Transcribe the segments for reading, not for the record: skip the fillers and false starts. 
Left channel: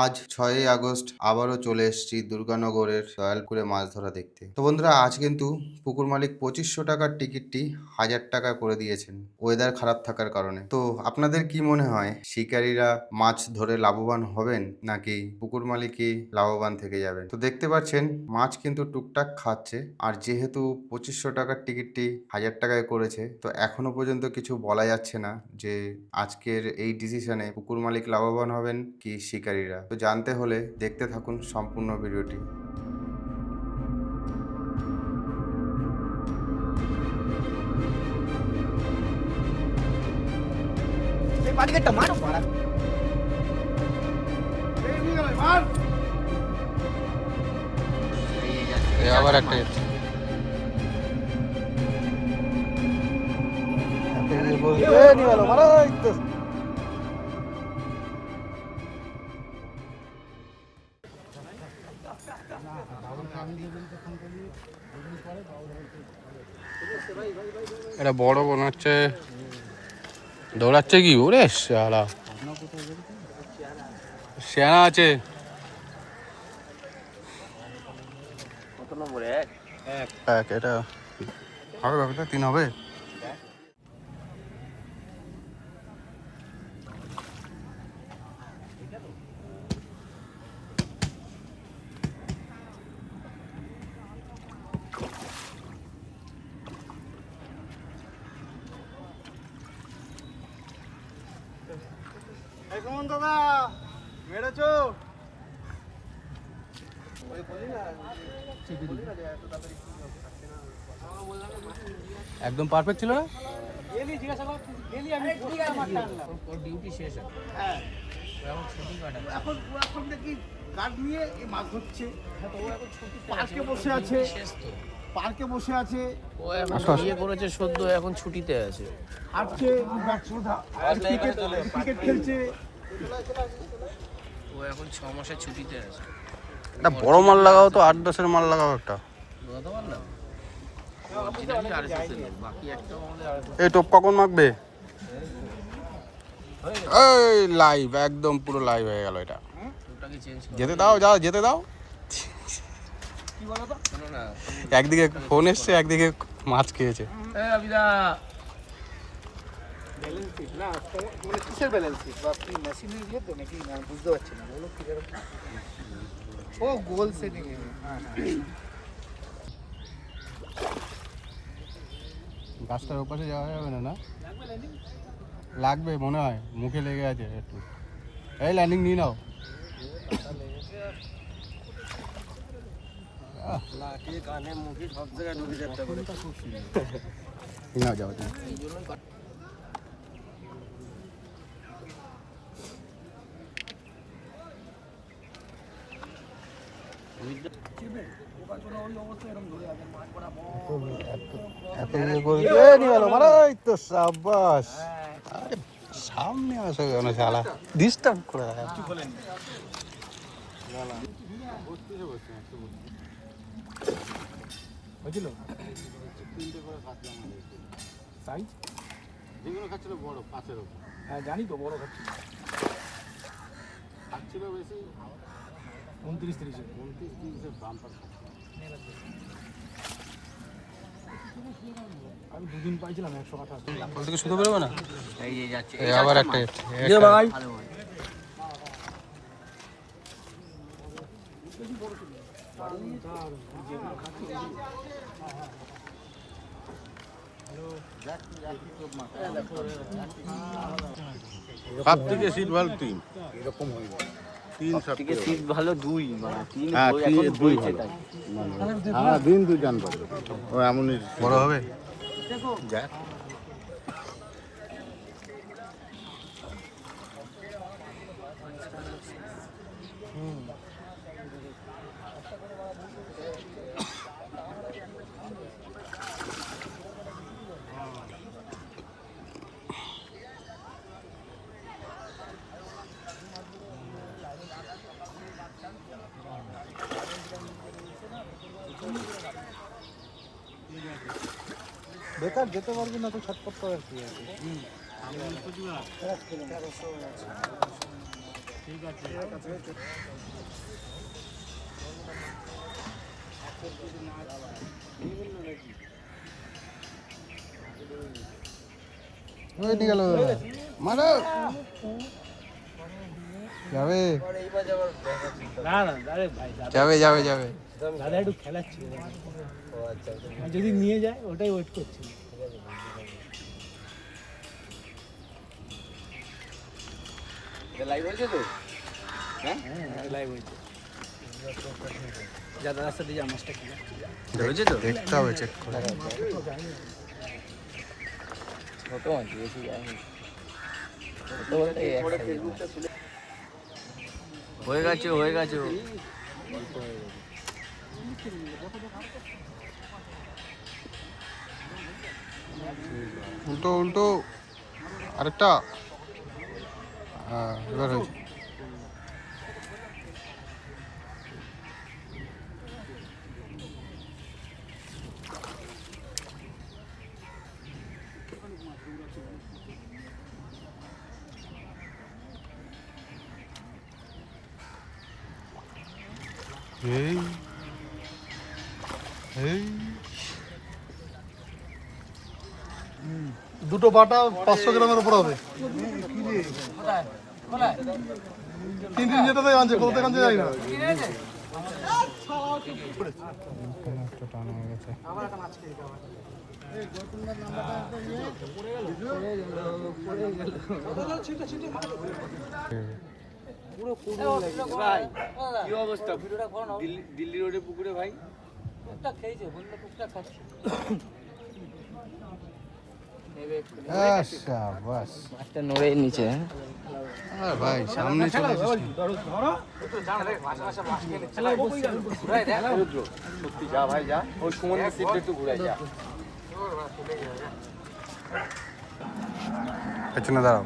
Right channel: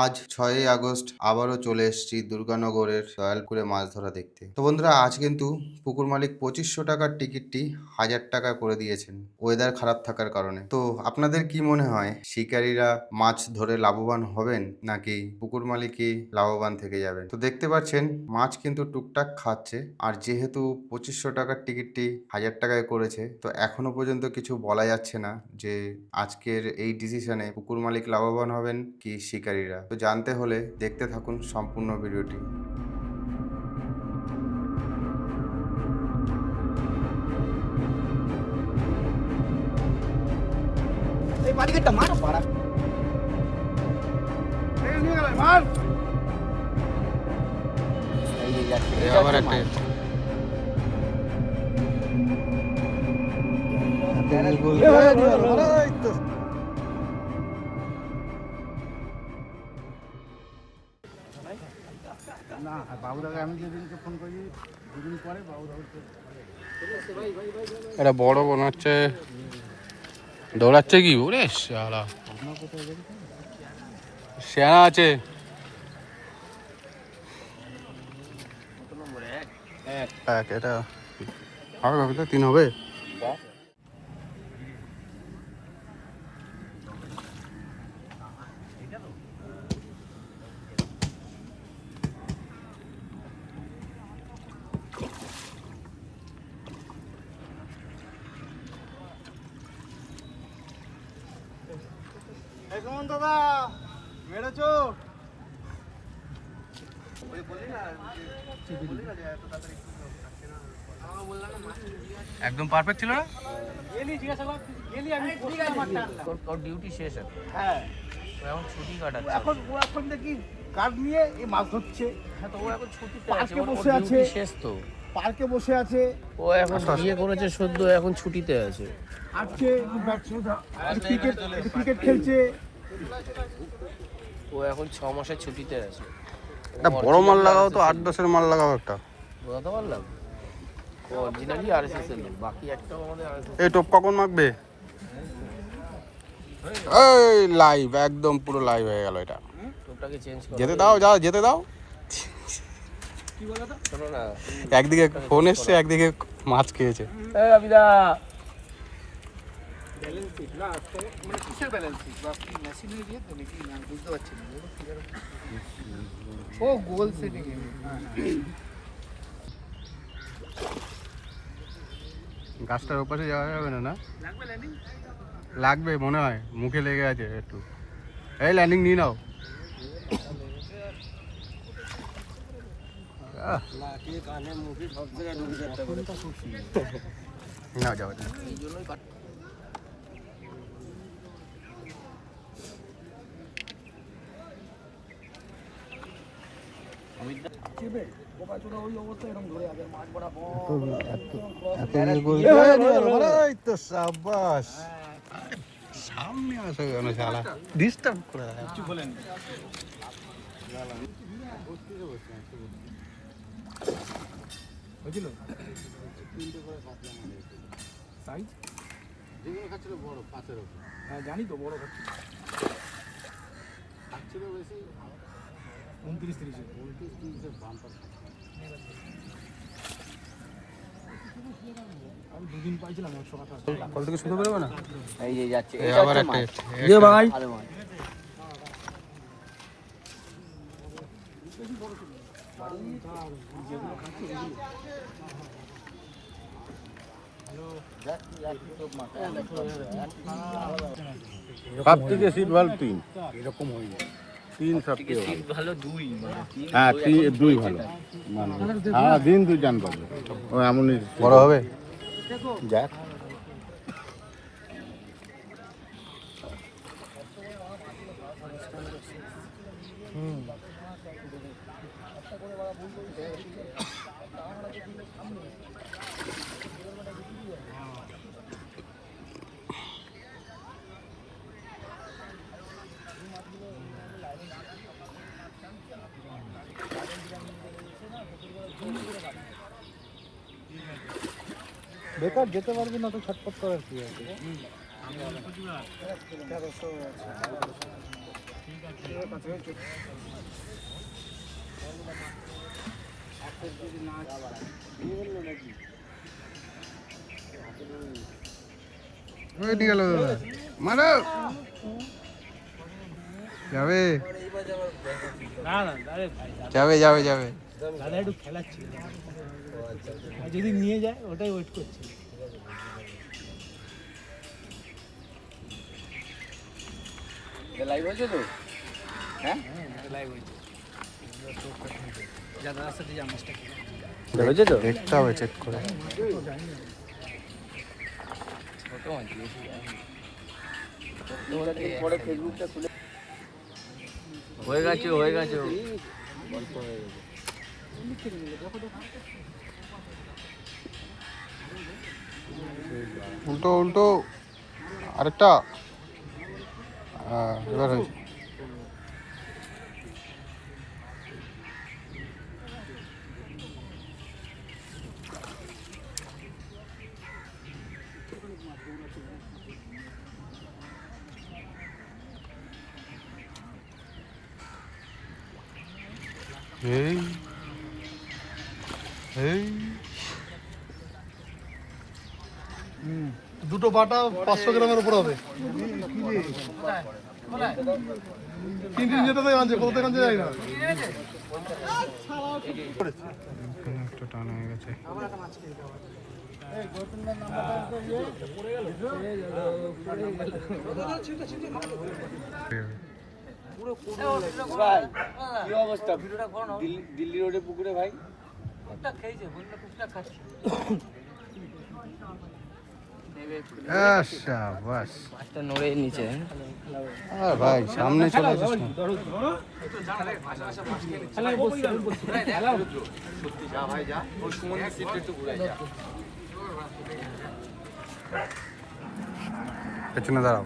আজ 6ই আগস্ট আবারও চলে এসেছি দুর্গানগরের দয়ালপুরে মাছ ধরা দেখতে। তো বন্ধুরা, আজ কিন্তু পুকুর মালিক 2500 টাকার টিকিটটি 1000 টাকা করে দিয়েছেন ওয়েদার খারাপ থাকার কারণে। তো আপনাদের কি মনে হয়, শিকারীরা মাছ ধরে লাভবান হবেন নাকি পুকুর মালিকই লাভবান থেকে যাবেন? তো দেখতে পাচ্ছেন মাছ কিন্তু টুকটাক খাচ্ছে, আর যেহেতু 2500 টাকার টিকিটটি 1000 টাকায় করেছে, তো এখনো পর্যন্ত কিছু বলা যাচ্ছে না যে আজকের এই ডিসিশনে পুকুর মালিক লাভবান হবেন কি শিকারীরা। তো জানতে হলে দেখতে থাকুন সম্পূর্ণ ভিডিওটি। আবার একটা এটা বড় মনে হচ্ছে, দৌড়াচ্ছে কি ওরে শালা, শ্যানা আছে। এক এটা হবে, ভাবে তো 3 হবে। দাদা মেরেছো একদম পারফেক্ট ছিল না। ডিউটি শেষ এখন ছুটি কাটাচ্ছে। এখন দেখি কাঠ নিয়ে এই মাছ ধরছে। তো ও এখন ছুটিতে পার্কে বসে আছে, শেষ তো পার্কে বসে আছে, ও এখন বিয়ে করেছে সদ্য, এখন ছুটিতে আছে। আজকে ক্রিকেট খেলছে। ও এখন 6 মাসের ছুটিতে আছে। একটা বড় মাল লাগাও তো, 8-10-এর মাল লাগাও একটা। বুঝতে পারলাম। বাকি একটাও আমাদের এই টোপ কখন মাখবে? এই লাইভ, একদম পুরো লাইভ হয়ে গেল এটা। টোপটাকে চেঞ্জ করো। যেতে দাও, যাও যেতে দাও। কি বলো তো? শোনো না, একদিকে ফোন এসছে, একদিকে মাছ খেয়েছে। এই আবিদা ব্যালেন্স শিট না, মানে কিসের ব্যালেন্স শিট? বা কি মেশিনের দিয়ে তো নাকি? না বুঝতে পারছি না। বলো কি করে? ও গোল সেটিং এ। গাছটার ওপাশে যাওয়া যাবে না? না লাগবে মনে হয়, মুখে লেগে আছে একটু। এই ল্যান্ডিং নিয়ে নাও। নাও যাও। সামনে আসো কেন শালা, ডিস্টার্ব করে। বুঝলো? সাইজ যেগুলো খাচ্ছিল বড় 5-এর উপর। হ্যাঁ জানি তো, বড় খাচ্ছিল। খাচ্ছিল বেশি 29-30-এর বাম্পার খাচ্ছিল। আমি 2 দিন পাইছিলাম 128। কল থেকে শুধু বেরোবে না। এই যে যাচ্ছে। আবার একটা সব থেকে সিট ভালো 3 এরকম হয়নি। 3 সব থেকে সিট ভালো 2 মানে 3 হ্যাঁ 2 ভালো মানে হ্যাঁ দিন 2 টান পাবে ও এমনই বড় হবে। দেখ বেকার যেতে পারবি না, তুই ছটফট করে কি আছে। ওই গেল মারো যাবে না না আরে ভাই যাবে যাবে যাবে দাদা একটু খেলাচ্ছি যদি নিয়ে যায় ওটাই ওয়েট করছি লাইভ হয়েছে তো? হ্যাঁ লাইভ হয়েছে যা দাদার সাথে যা মাছটা খেলে দেখেছে তো দেখতে হবে চেক করে ছোট মাছ বেশি হয়ে গেছে হয়ে গেছে উল্টো উল্টো আরেকটা এবার হয়েছে এই এই দুটো বাটা 500 গ্রামের উপর হবে তিন দিন যেতে আনছে কোথা থেকে আনছে জানি না একটা টান হয়ে গেছে ভাই কি অবস্থা দিল্লি রোডে পুকুরে ভাই শাবাশ একটা নড়ে নিচে ভাই সামনে চলে এসেছিস যা ভাই যা ওই সমুদ্রের দিক একটু ঘুরে যা পেছনে দাঁড়াও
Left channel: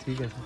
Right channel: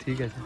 ঠিক আছে